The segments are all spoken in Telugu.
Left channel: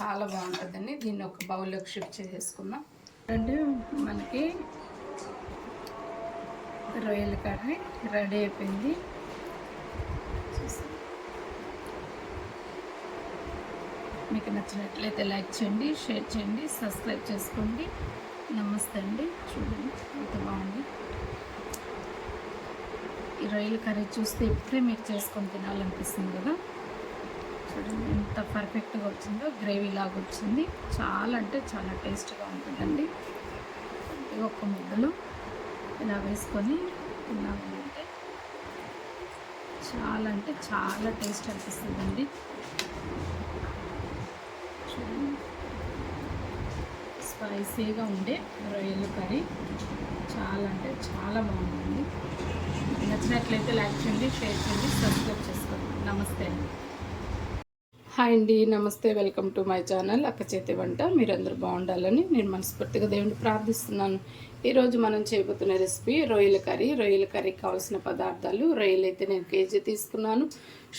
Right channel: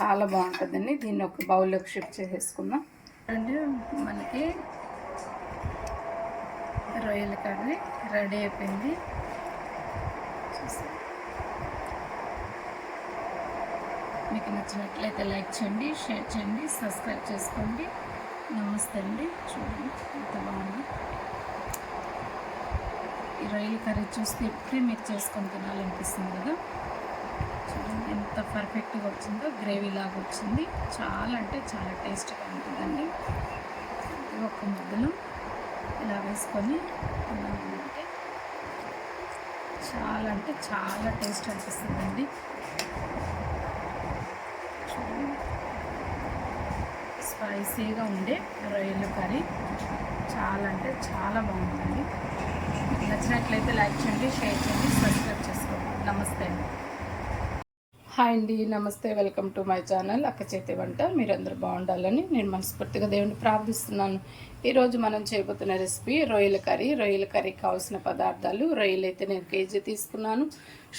చాలా బాగుంటుందండి. దీన్ని ఒక బౌల్లోకి షిఫ్ట్ చేసేసుకుందాం. అంటే మనకి రొయ్యల కర్రీ రెడీ అయిపోయింది. మీకు నచ్చినట్లయితే లైక్ చేయండి షేర్ చేయండి సబ్స్క్రైబ్ చేసుకోండి. నమస్తే అండి. చూడండి ఎంత బాగుంది. ఈ రొయ్యల కర్రీ చూస్తే ఇప్పుడే మీరు చేసుకొని తినాలనిపిస్తుంది కదా. చూడండి ఎంత పర్ఫెక్ట్గా వచ్చిందో గ్రేవీ లాగా వచ్చింది. చాలా అంటే చాలా టేస్ట్గా ఉంటుందండి. ఒక ముద్దలు ఇలా వేసుకొని తిన్నామంటే చాలా అంటే చాలా టేస్ట్ అనిపిస్తుందండి. చూడండి. స్పైసీగా ఉండే రొయ్యలు కర్రీ చాలా అంటే చాలా బాగుందండి. నచ్చినట్లయితే లైక్ చేయండి షేర్ చేయండి సబ్స్క్రైబ్ చేసుకోండి. నమస్తే అండి. హాయ్ అండి నమస్తే వెల్కమ్ టు మై ఛానల్ అక్క చేతి వంట. మీరందరూ బాగుండాలని నేను మనస్ఫూర్తిగా దేవుని ప్రార్థిస్తున్నాను. ఈరోజు మనం చేయబోతున్న రెసిపీ రొయ్యల కర్రీ. రొయ్యల కర్రీకి కావాల్సిన పదార్థాలు రొయ్యలు అయితే నేను కేజీ తీసుకున్నాను.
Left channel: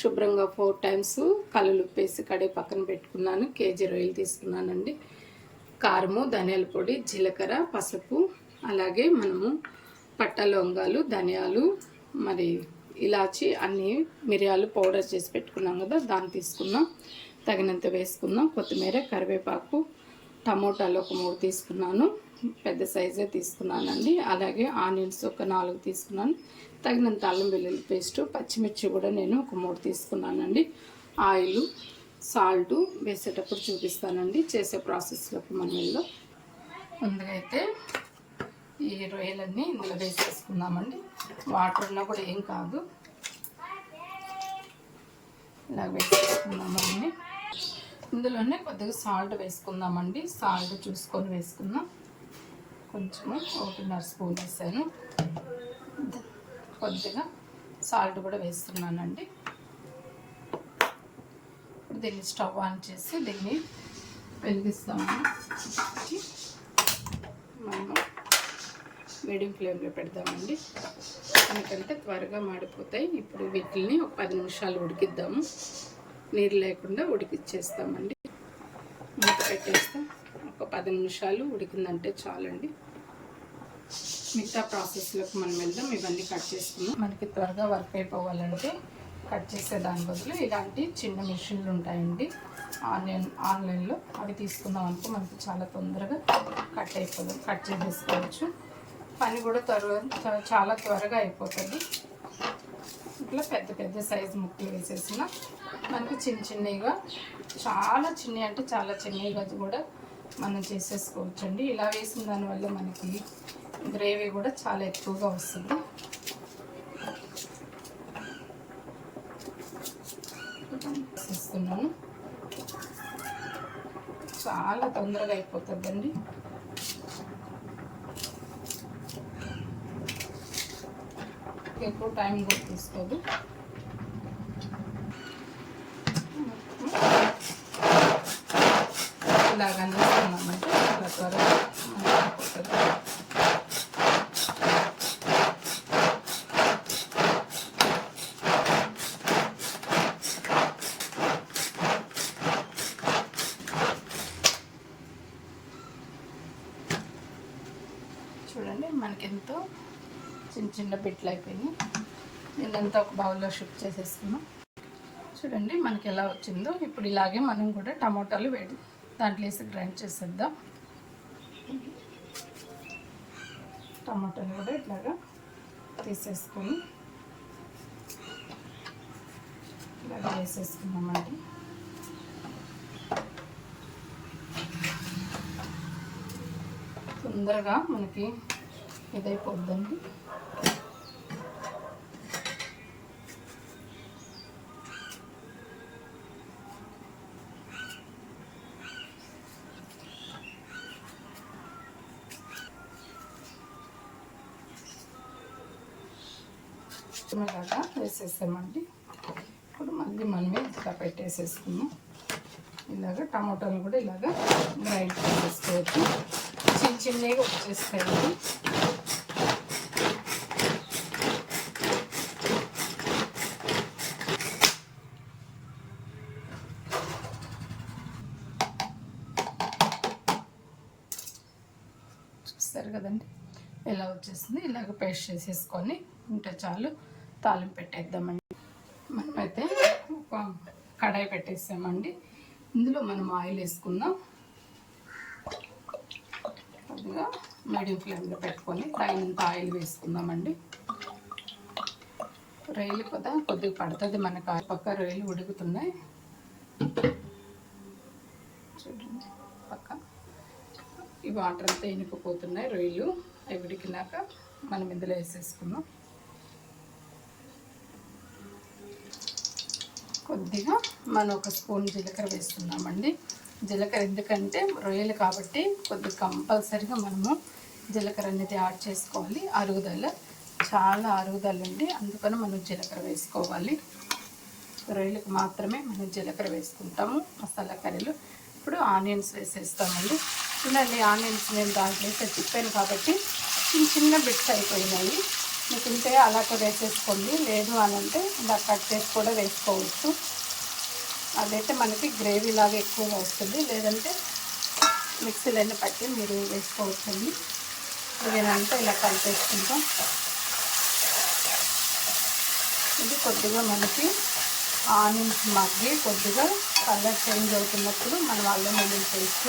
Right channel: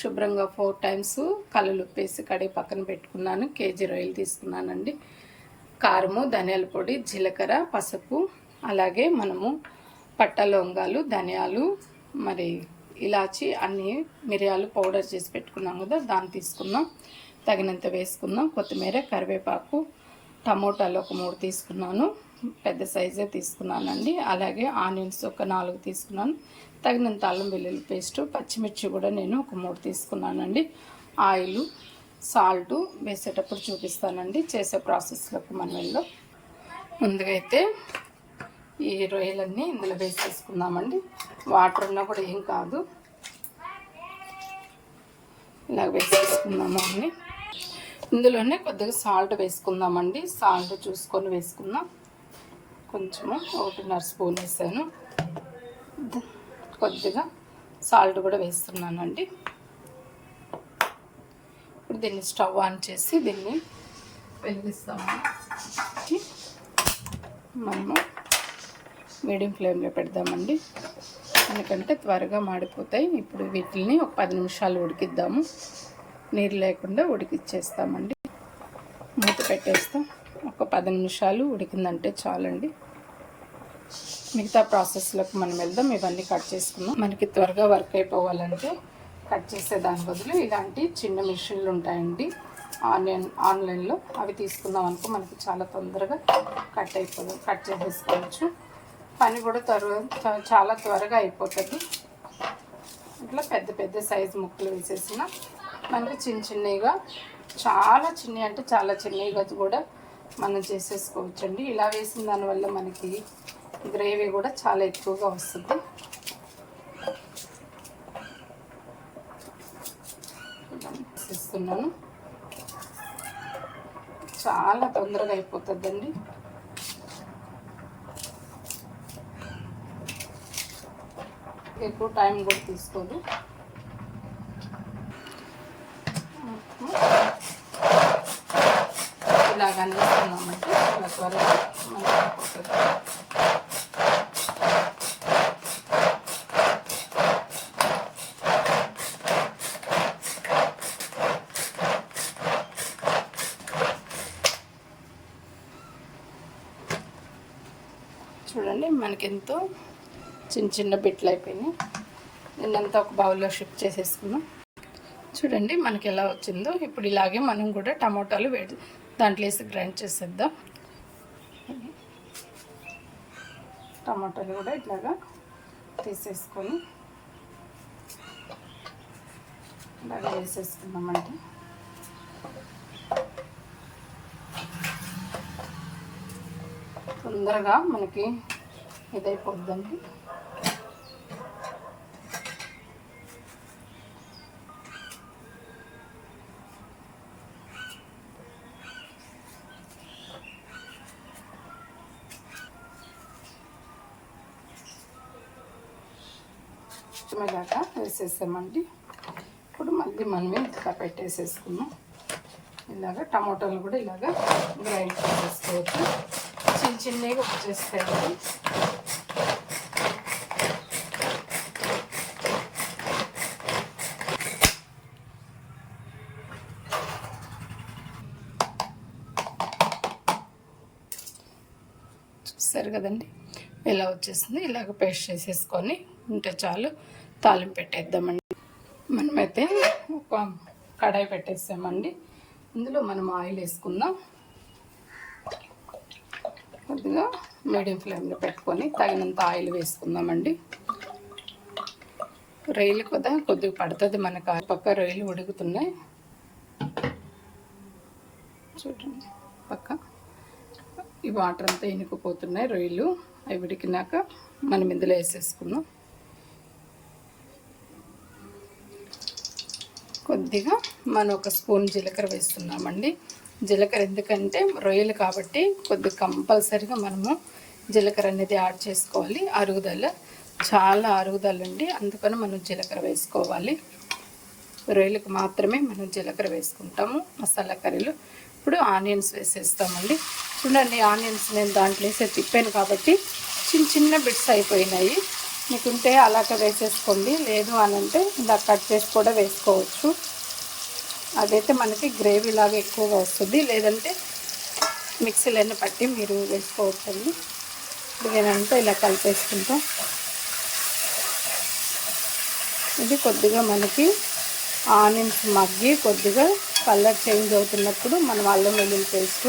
శుభ్రంగా ఫోర్ టైమ్స్ కళ్ళు ఉప్పేసి కడిగి పక్కన పెట్టుకున్నాను. కేజీ రొయ్యలు తీసుకున్నానండి. కారము ధనియాల పొడి జీలకర్ర పసుపు అలాగే మనము పట్ట లవంగాలు ధనియాలు మరి ఇలాచి అన్ని మిరియాలు పౌడర్ చేసి పెట్టుకున్నాం కదా దాన్ని తీసుకున్నాం తగినంత వేసుకుందాం. కొత్తిమీర కరివేపాకు టమోటాలు ఒక మూడు తీసుకున్నాను. పెద్ద సైజే తీసుకున్నానండి. అలాగే ఆనియన్స్ ఒక నాలుగు తీసుకున్నాను. తగినంత అల్లం వెల్లుల్లి పేస్టు పచ్చిమిర్చి కూడా నేను ఒక మూడు తీసుకున్నానండి. ఆయిల్ సాల్ట్ వేసేటప్పుడు చూపిస్తానండి. చేసే ప్రాసెస్లోకి మనం వెళ్దాం ముందుగా అయితే ఈ రొయ్యలన్నీ ఇందులో వేసేసుకుందామండి. వాటర్ ఉన్నా కూడా ఏం కాదు. ఇలా వేసేసుకుందామండి. ఇందులోనే కొద్దిగా సాల్ట్ వేసుకుందామండి. సాల్ట్ చూసుకొని వేసుకుందాం. కొంచెము ఒకటిన్నర స్పూన్ వేసాను. కొద్దిగా సాల్ట్ కూడా వేస్తున్నానండి. ఇప్పుడు దీన్ని స్టవ్ ఆన్ చేసి దీన్ని వెలిగిస్తామండి. మనము మీడియం ఫ్లేమ్లో పెడదామండి. ఎందుకంటే త్వరగా మాడిపోతాయి. ఇప్పుడు వీటిని ఒక పది నిమిషాలు ఉడికిద్దాము. నీరు లేకుండా ఉడికిచ్చేస్తామండి. మూత పెట్టేస్తాం ఒక పది నిమిషాలు ఉడికిందంటే చాలండి. మిగతా ప్రాసెస్లోకి మనం వెళ్దాం. ఇవన్నీ కట్ చేసుకుందాం. మనకి త్వరగా వర్క్ అయిపోవాలంటే కట్ చేసే దాని బదులు ఇలాంటి చిన్న మిషన్లు ఉంటాయండి. ఆన్లైన్ ఆన్లైన్లో అవి తీసుకుందాం అనుకో మనకి చాలా తొందరగా కట్ అయిపోయి కట్ చేసేసుకోవచ్చు. పని కూడా త్వరగా చాలా త్వరగా అయిపోతుంది. ఇట్లా పెద్ద పెద్ద సైజు ముక్కలు వేసేసిన. మనకి చిన్న చిన్నవిగా చాలా చిన్నవి అంటే చాలా చిన్నవిగా కూడా మనం చేసేసుకోవచ్చు అండి ఇలా వేసిన దానివల్ల మనకి గ్రేవీ కూడా చాలా ఎక్కువగా వస్తుంది. వేసేస్తున్నాను చాలా తొందరగా అయిపోతుందండి. ఎక్కువ టైం కూడా తీసుకోదు. ఇలాగ అందిస్తున్నామంటే త్వరగా చూడండి మనకి ఎంతో చిన్న చిన్న బిట్లు అయిపోయినాయి. నిన్నంతా ఒక బౌల్లో షిఫ్ట్ చేసేసుకున్నాం. చూడండి మనకి ఎలా వచ్చిందో. ఇప్పుడు ఇలాగే మనం కూడా టమోటాలు వేడి దాంట్లో వేసి గ్రైండ్ చేసేద్దాం. టమాటాలు కూడా ఇట్లాగా తీసేసుకొని ఇలాగ వేసేసుకున్నామండి తొందరగా మనకి ఇదైపోద్దండి. మొత్తం ఇలాగా వేసేసామండి. ఇప్పుడు మళ్ళీ మనమే ఇంతగా పెట్టేసేసుకున్నాం. ఇలాగ టమాటాలు కూడా ఇలాగ గ్రైండ్ చేసుకోవచ్చు చిన్న చిన్నగా వచ్చేస్తాయండి. చూస్తారు కదండి? ఇలా వచ్చేసింది? ఇలాగ పేస్ట్ చేసేసుకొని ఉంటే చాలు. తాలింపు పెట్టేద్దామండి. మనమైతే ఒక కడాయి పెట్టేసామండి. ఇందులో మనం ఆయిల్ వేసుకుందాం. కొద్దిగా మీడియం ఫ్లేమ్లో పెట్టుకొని తగినంత ఆయిల్ వేసుకుందామండి. రొయ్యలు కదా కొద్దిగా పడుతుంది మనకు. పక్క రొయ్యలు ఉడుకుతున్నాయి. చూడండి పక్క. ఈ వాటర్ అంతా ఇనుకుపోతున్నాయి రొయ్యలు. అవి ఉడికినాక మనం ఇందులో వేసేసుకుందాం. కొద్దిగా మనం ఒక స్పూన్ జీలకర్ర వేస్తున్నామండి. జీలకర్ర ఎందుకంటే రొయ్యలు కాబట్టి కొద్దిగా కంపల్సరిగా మనము జీలకర్ర అనేది యాడ్ చేసుకోవాలి. అరుగుదల చాలా అరుగుదల అండి. అందుకని మనం జీలకర్ర వేసుకోవాలి. రొయ్యలకు మాత్రమే మనం జీలకర్ర వేసుకుంటాము. మసాలా కర్రీలు. ఇప్పుడు ఆనియన్స్ వేసేస్తామండి. చూడండి ఆనియన్స్ నేను దాంట్లో వేసే తిప్పాను కాబట్టి చిన్న చిన్న బిట్స్ అయిపోయినాయి. మీకుంటే అలాగ వేసేసుకోండి. లేదు అని అంటే ఇలా కట్ చేసి కూడా వేసుకోవచ్చు. అదైతే మనకి గ్రేవీ లాగా ఎక్కువగా వస్తుంది. లేదంటే మిక్సీలన్నీ పట్టి మీరు వేసుకోవచ్చండి. నేనంతా ఇలా కలిపేసుకుంటాం. ఇది కొద్దిగా మనకి ఆనియన్స్ మగ్గి కొద్దిగా కలర్ చేంజ్ అవుతున్నప్పుడు మనం అల్లం వెల్లుల్లి పేస్ట్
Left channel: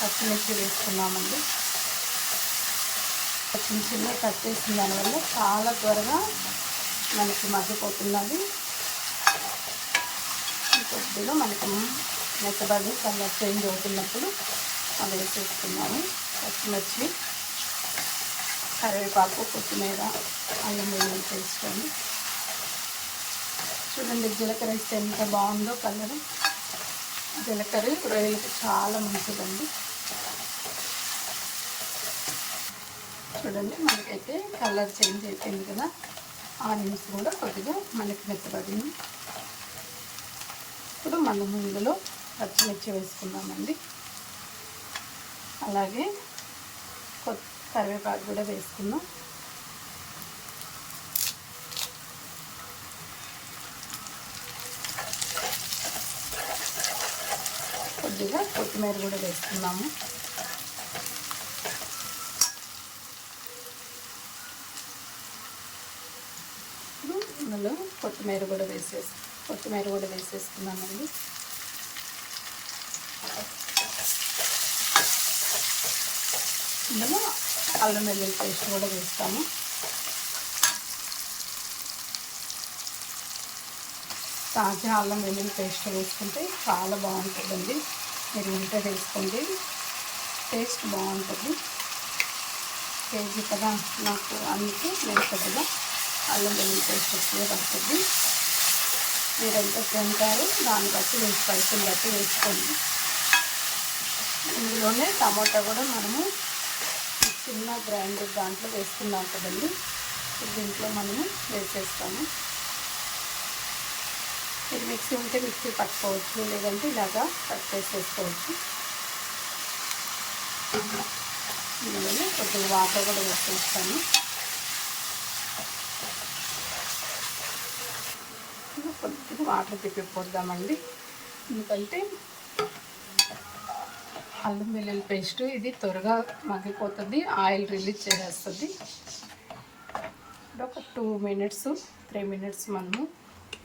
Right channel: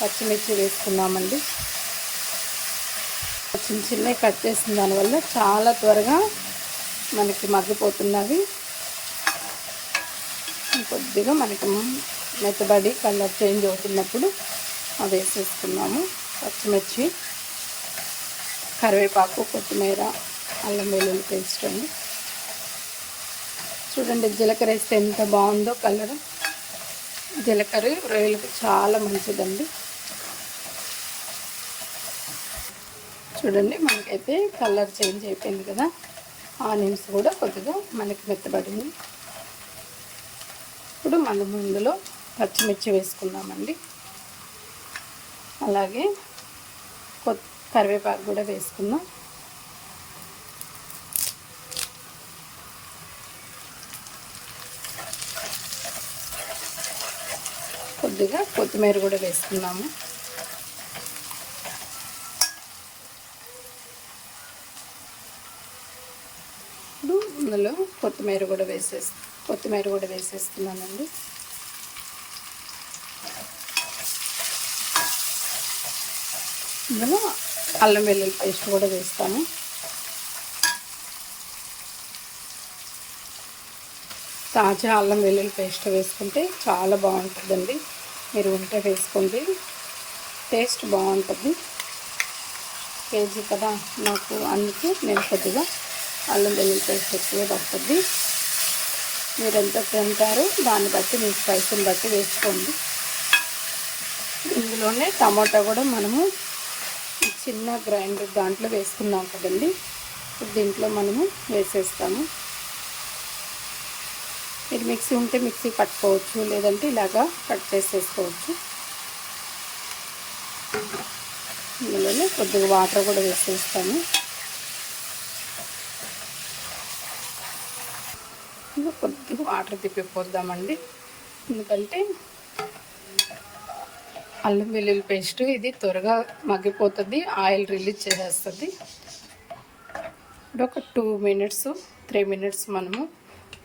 పచ్చిమిర్చి వేసుకున్నామండి. చిన్న చిన్నవి కట్ చేసిన దానివల్ల చాలా త్వరగా మనకి మగ్గిపోతున్నది. కొద్దిగా మనకి మెత్తబడి కలర్ చేంజ్ అవుతున్నప్పుడు అది వేసేసుకున్నాము. పచ్చిమిర్చి కరివేపాకు కొత్తిమీర అల్లం వెల్లుల్లి పేస్ట్ అని. చూడండి జీలకర్ర వేస్తే ఎంత బాగుందో కలర్. జీలకర్ర రొయ్యలకి చాలా మంచిదండి. చూడండి మనకైతే కలర్ చేంజ్ అయిపోయింది కదా. ఆనియన్స్ కూడా కొద్దిగా మనకి మెత్తబడింది. ఇప్పుడు మనం ఇందులో పచ్చిమిర్చి వేసుకున్నామండి అలాగే కరివేపాకు కూడా వేసుకున్నాం కొద్దిగా కొత్తిమీర కూడా వేసుకున్నాము ఇందులో కొత్తిమీర కూడా వేసేసి కొత్తిమీర కూడా వేసేస్తున్నానండి. ఇందులో అల్లం వెల్లుల్లి పేస్ట్ కూడా వేస్తాను. తాజా అల్లం వెల్లుల్లి పేస్ట్ వేసుకుంటే చాలా బాగుంటుందండి. మీరు ఉంటే వేసుకోండి. టేస్ట్ బాగుంటుంది. కేజీ కదా నాకు అందుకే నేను కొద్దిగా అల్లం వెల్లుల్లి పేస్ట్ ఎక్కువ పడుతుంది. మీరు ఎంత తింటారో. దాన్ని బట్టి మీ స్పైస్ని బట్టి వేసుకోండి. ఇందులోనే టమాటా కూడా మనము చిన్న గ్రైండర్ దాంట్లో వేసుకున్నాం కదండి. దీంట్లో మనము వేసేస్తాము. మీరు మిక్సీ ఉంటే మిక్సీ పట్టుకోవచ్చు లేదంటే ఇలాగా కట్ చేసేసుకోవచ్చు. ఇందులోనే కొద్దిగా వాటర్ కూడా వేసేస్తాము. కొద్దిగా వాటర్ తిప్పిపోద్దామండి ఎందుకంటే అల్లం వెల్లుల్లి పేస్ట్ ఇది త్వరగా మగ్గిపోతుంది ఆయిల్ రిలీజ్ చేసేస్తుంది. ఇప్పుడు ఒక టూ మినిట్స్ త్రీ మినిట్స్ మనము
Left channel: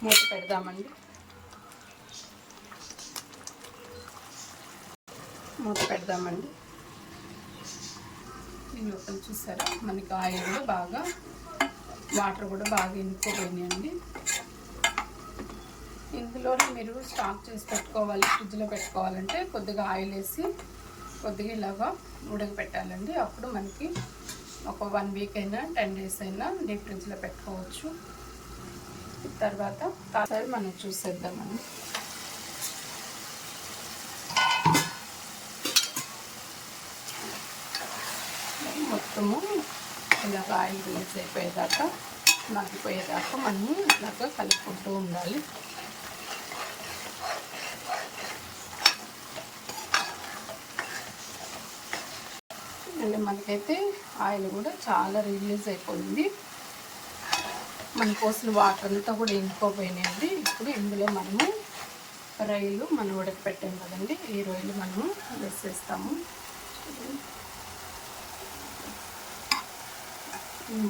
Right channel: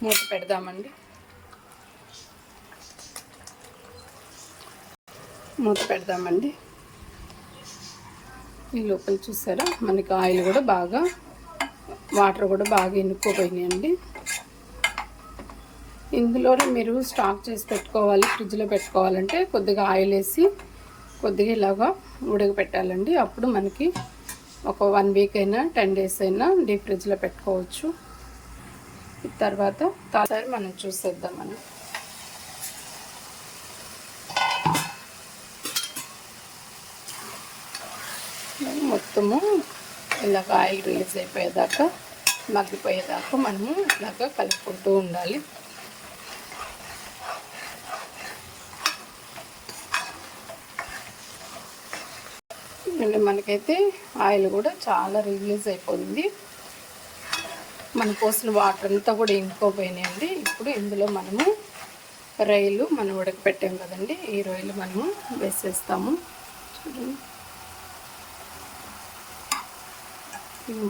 మూత పెడదామండి. మూత పెడదామండి. ఈ లోపల చూసారా? మనకి ఆయిల్ కూడా బాగా వాటర్ కూడా బాగా ఎన్నుకోపోయినాయండి ఇందులోనే మీరు స్టాక్ చేసి పెట్టుకోవాలి ఫ్రిడ్జ్లో పెట్టుకోవాలంటే కొద్దిగా ఆయిల్ వేసి కొద్దిగా ఇలాగా ఉడకపెట్టాలండి. అప్పుడు మనకి ఒక వన్ వీక్ అయినా టెన్ డేస్ అయినా డీప్ ఫ్రిడ్జ్లో పెట్టుకోవచ్చు. తర్వాత తాసారి మనం చూసేద్దామండి. మొత్తము ఇలాగ ఆయిల్ రిలీజ్ అయిపోయేదాకా మగ్గిపోయేదాకా మనము ఇలాగ కలుపుకుంటూ ఉండాలి. ఎందుకంటే మనకైతే ఆయిల్ కూడా చాలా రిలీజ్ అయిపోయింది. మన కోసిన వాటర్ అంతా కూడా ఇంకిపోయినాయండి ఇప్పుడు ఇందులో మనము రైలు మనం ఉడకపెట్టాం కదండి. ఈ రొయ్యలు మనము వేసేస్తాము.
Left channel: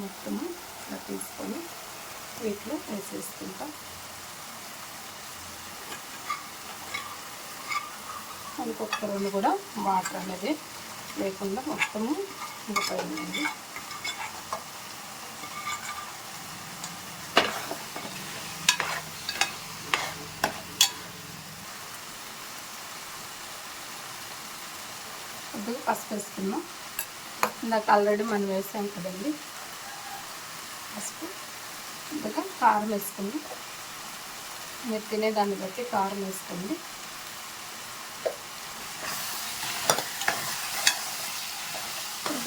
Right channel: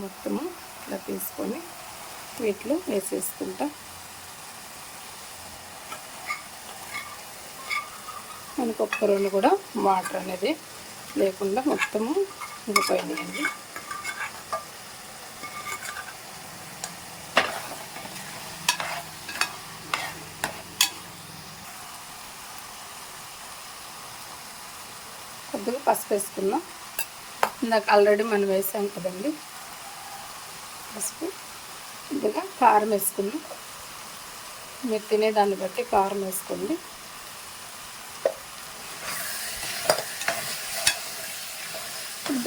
మొత్తము ఇలా తీసుకొని వీటిలో వేసేసుకుంటాం. మనకు ఒక్క రోజు కూడా వాటర్ అనేది లేకుండా మొత్తము ఉడిపోయిందండి కొద్దిగా పసుపు వేసుకున్నాం. ఇందాక ఆల్రెడీ మనం వేసాం కదండి. పసుపు. కొద్దిగా కారం వేసుకుంది మీరు తినే దాన్ని బట్టి కారం వేసుకోండి.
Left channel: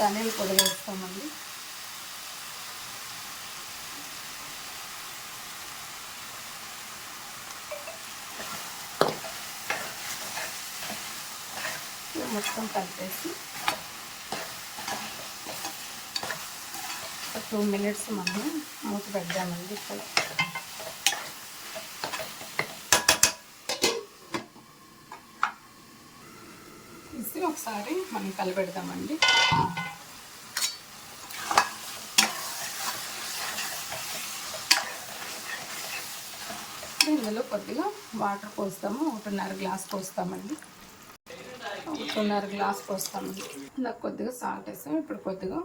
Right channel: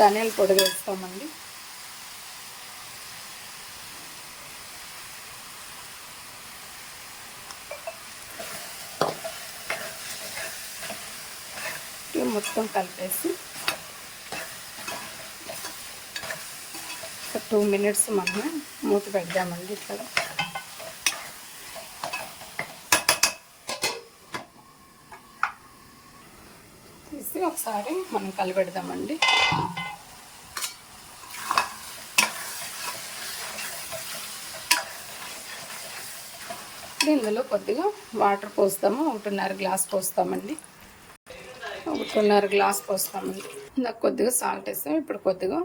ధనియాల పొడి వేస్తామండి మొత్తం కలిపేసి ఒక టూ మినిట్స్ మనం మూత పెడదామండి ఇక్కడ. తీసి ఒకసారి మనం కలిపెడదామండి ఇందులో కొద్దిగా వాటర్ పోస్తాము ఒకటిన్నర గ్లాస్ పోస్తామండి. ఒకటిన్నర గ్లాస్ పోస్తామండి. ఇందాక కొద్దిగా సాల్ట్ వేస్తాం ఇప్పుడు కొద్దిగా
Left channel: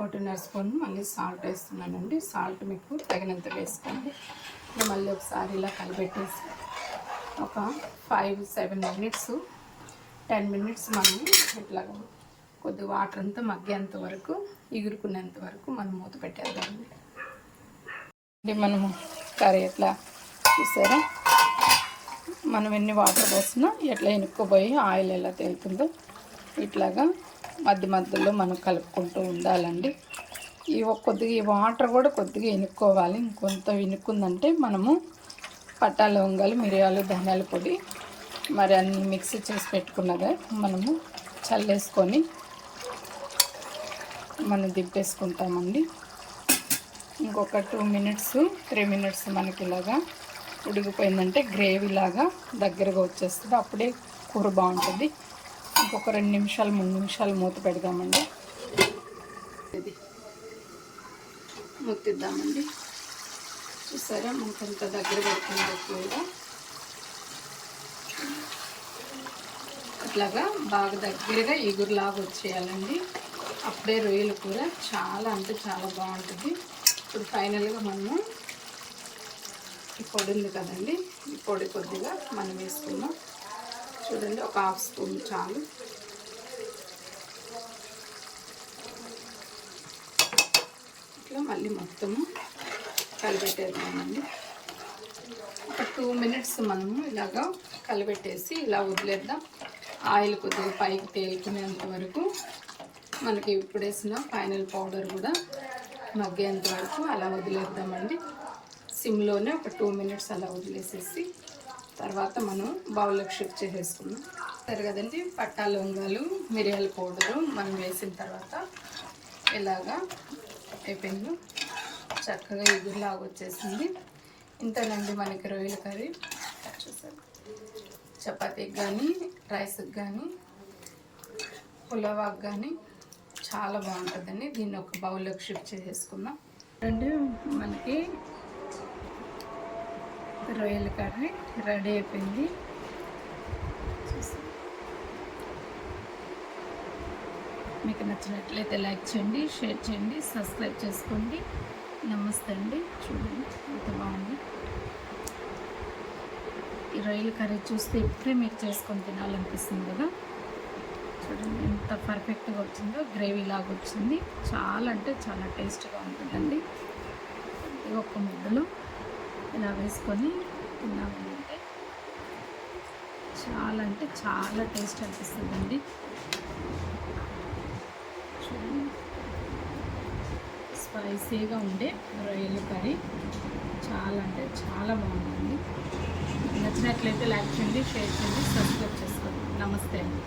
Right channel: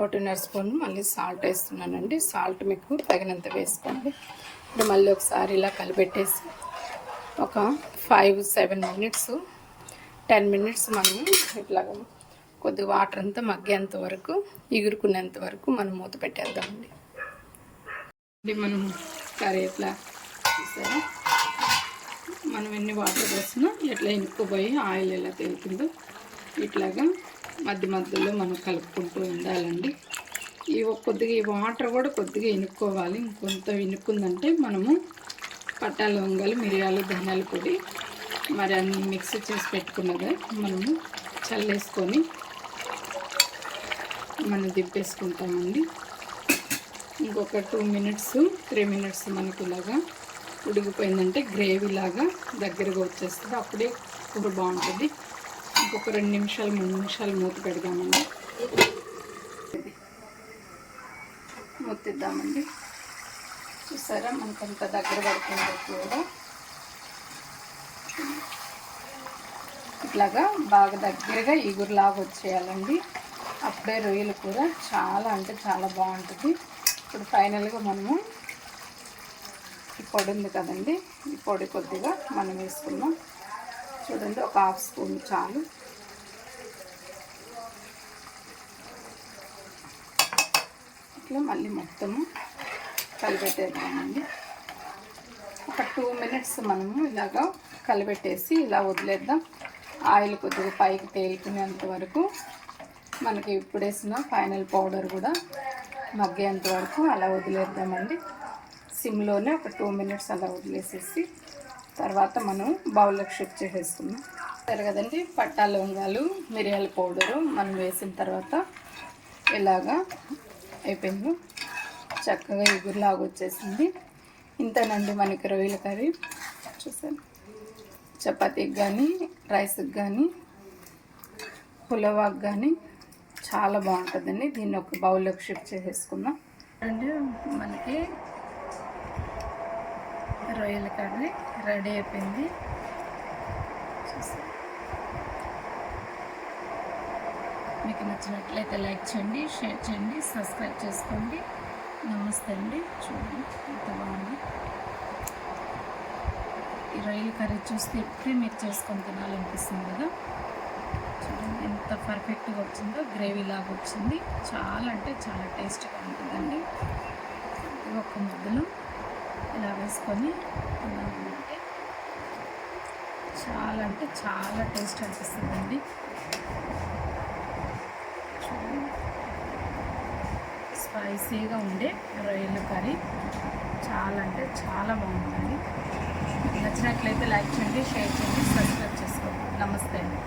ఒకటిన్నర స్పూన్ మళ్ళీ సాల్ట్ వేస్తున్నానండి. సాల్ట్ మీకు తగినంత వేసుకోండి. ఇప్పుడు మళ్ళీ ఒకసారి ఇలా కలిపెట్టేసి ఒక five seven minutes ten minutes మనం ఇట్లా కొద్దిగా వాటర్ అంతా మగ్గేంత వరకు ఎగురుకునేంత వరకు మనం మూత పెట్టేద్దామండి. మనము కర్రీ చూసారా? మనం ఎన్ని వాటర్ పోసినా ఎట్లా ఇనుక్కుపోయి ఆయిల్ ఎలా తేలుతుందో ఇట్లాగా మధ్య మధ్యలో మనం కలుపుకుంటూ ఉండాలండి. ఈ కొద్దిగా ఈ వాటర్ కూడా కొద్దిగా ఇనుక్కోవాలి. ఇంకొంత ఇనుక్కుందంటే మనము పట్టా లవంగాలు మిరియాలు ధనియాల పొడి మరి అన్ని మిక్సీ చేసి పెట్టుకున్నదే మనము చల్లేసుకొని మనం దింపేసుకుంటామండి. ఇంకొక టూ మినిట్స్ త్రీ మినిట్స్ మనకి ఇలాగా ఉడికిపోయిందంటే గ్రేవీ లాగా దగ్గరగా వచ్చేస్తుంది. అప్పుడే కూర బాగుంటుంది. ఇంకొక రెండు నిమిషాలు మూడు నిమిషాలు మూత పెడదామండి. మూతిద్దామండి. చూసారా? మనకంత దగ్గర పడుతుంది కూర. ఇట్లాగా బాగా దగ్గరగా ఎగురులాగా వచ్చేయాలండి. అప్పుడే రొయ్యలు కూడా చాలా అంటే చాలా బాగుంటుంది. ఇప్పుడు ఫైనల్గా మనము ఈ పొడి ఉంది కదండి. ఈ పొడి కొద్దిగా మనం వేసుకుందాం. చూడండి ఒక హాఫ్ స్పూన్ చాలు. ఇట్లా మళ్ళీ మొత్తము కలిపెట్టేద్దామండి. ఒక టూ మినిట్స్ మనము ఇలాగా కలిపెట్టేసి ఇలా వదిలేద్దాం. ఆయిల్ కొద్దిగా పైకి తేలుకునేంత వరకు మనకి ఇప్పుడు వేసిన ఫైనల్ పౌడర్ కూడా మగ్గేంత వరకు అలా వదిలేద్దామండి. సిమ్లోనే ఒక టూ మినిట్స్ అలా వదిలేసేసి తర్వాత మనం బౌల్లోకి షిఫ్ట్ చేసేసుకున్నాం సరే కదండి పట్టా లవంగాలు మిరియాల పౌడరు మనం వేసిన తర్వాత ఇలాగా అయిపోయింది. చక్కగా ఎగురులాగా వచ్చేసింది. ఇంతనండి మనకి రొయ్యల కర్రీ. చూసాను చపాతీకి కానీ రైస్కి కానీ పులవాకి కానీ చాలా బాగుంటుందండి. దీన్ని ఒక బౌల్లోకి షిఫ్ట్ చేసేసుకున్నాం అంటే మనకి రొయ్యల కర్రీ రెడీ అయిపోయింది. మీకు నచ్చినట్లయితే లైక్ చేయండి షేర్ చేయండి సబ్స్క్రైబ్ చేసుకోండి. నమస్తే అండి. చూడండి ఎంత బాగుంది. ఈ రొయ్యల కర్రీ చూస్తే ఇప్పుడే మీరు చేసుకొని తినాలనిపిస్తుంది కదా. చూడండి ఎంత పర్ఫెక్ట్గా వచ్చిందో గ్రేవీ లాగా వచ్చింది. చాలా అంటే చాలా టేస్ట్గా ఉంటుందండి. ఒక ముద్దలు. ఇలా వేసుకొని తిన్నామంటే చాలా అంటే చాలా టేస్ట్ అనిపిస్తుందండి. స్పైసీగా ఉండే రొయ్యలు కర్రీ. చాలా అంటే చాలా బాగుంటుంది నచ్చినట్లయితే లైక్ చేయండి షేర్ చేయండి సబ్స్క్రైబ్ చేసుకోండి. నమస్తే అండి.